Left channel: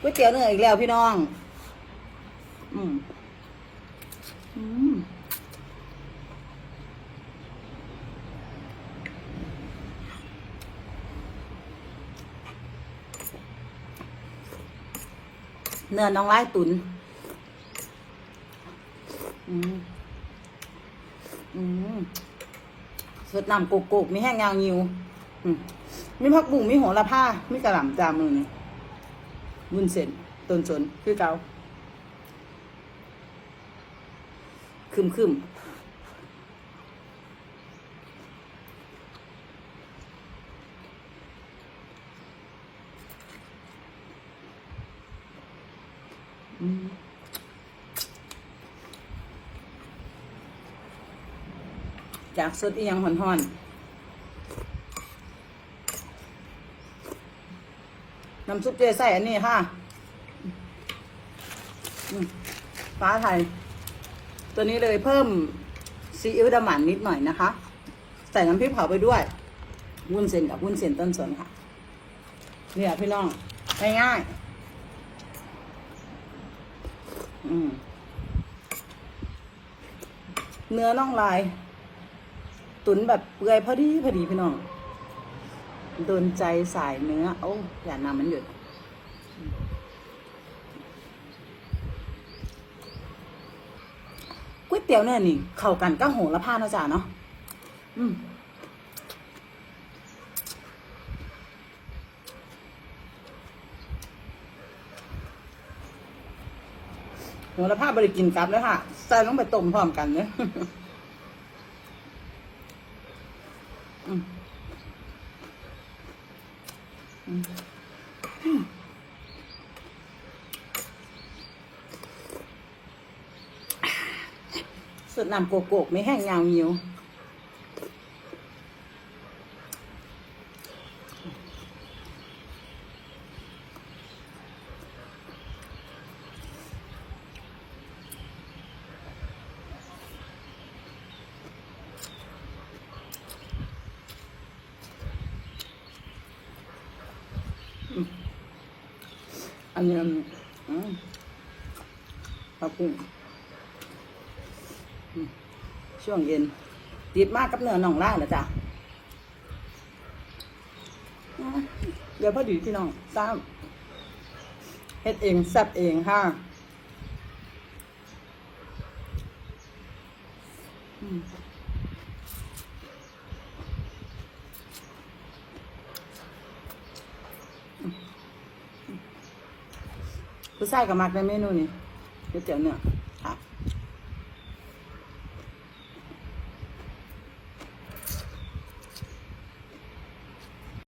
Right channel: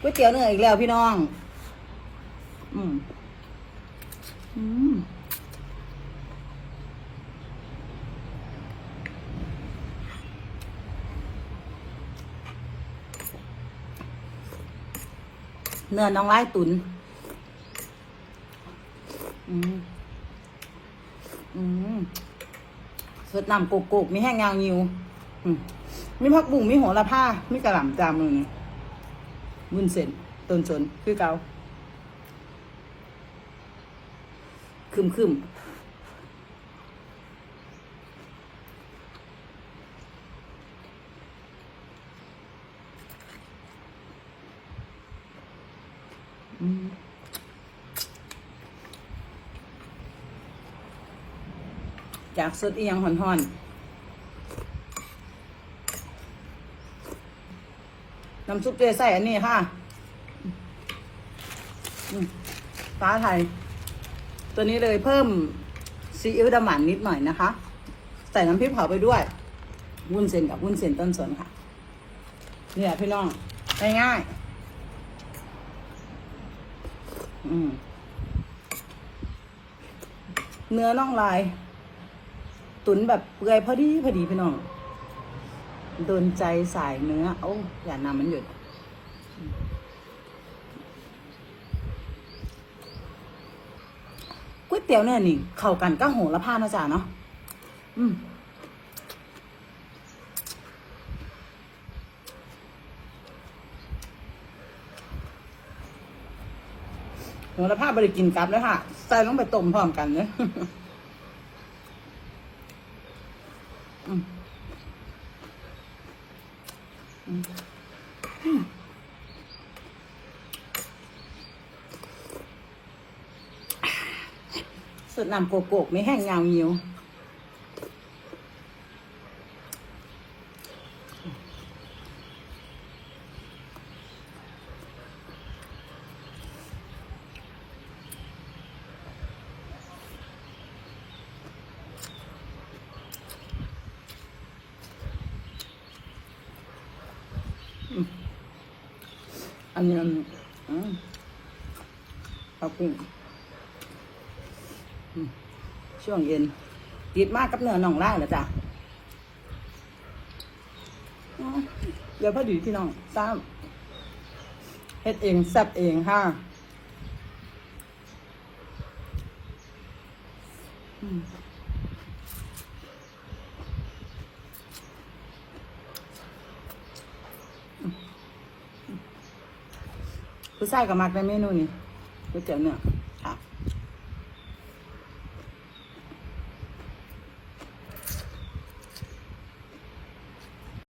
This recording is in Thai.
ก๋วยเตี๋ยวเนื้ออีกแล้วพี่น้อง อืมอืมเนื้อน้องไม้ตุน อืม อืมสดน้ำปุกปุกๆมีแห้งยาวยิว อืมมีผักบุ้งมีโหระพามีกระหล่ำจามือนี่ มุนเส้นตุนจนคือเกาคึมคึมอืมจากสดเอียงห่อนๆ น้ำซุปเจใส่อันนี้ค่ะอืมฟ้าไทยตัวนี้เลยเพิ่มซีอิ๊วดำหมันนิดหน่อยนะคะ ใส่น้ำพริกเผาไปด้วยวุ้นเส้นกับวุ้นเส้นต้นสนค่ะ เนี่ยพี่น้องง่ายๆอืมเนื้อน่องลาย ตุ๋นแบบเปื่อยพอดีพอดีพี่น้อง โดนใจสายเนื้อ โอ้อย่ามามันหยุดก๋วยเตี๋ยวเนี่ยนี่เข้ากันก็โหระพานะจ๊ะเนาะอืมโหระพาบริกินกลับแล้วค่ะใส่ลงไปต้มพร้อมกันเลย อืมอืม สดน้ำโกโก้ไม่แช่วงเย็นติดมากกับเนื้อน่องได้เหรอจ๊ะเดี๋ยวพอดีพี่น้องสร้างเฮ็ดเองซับเองค่ะผู้ชายก็มักในเมนูนี้ก๋วยเตี๋ยวเนื้อครับ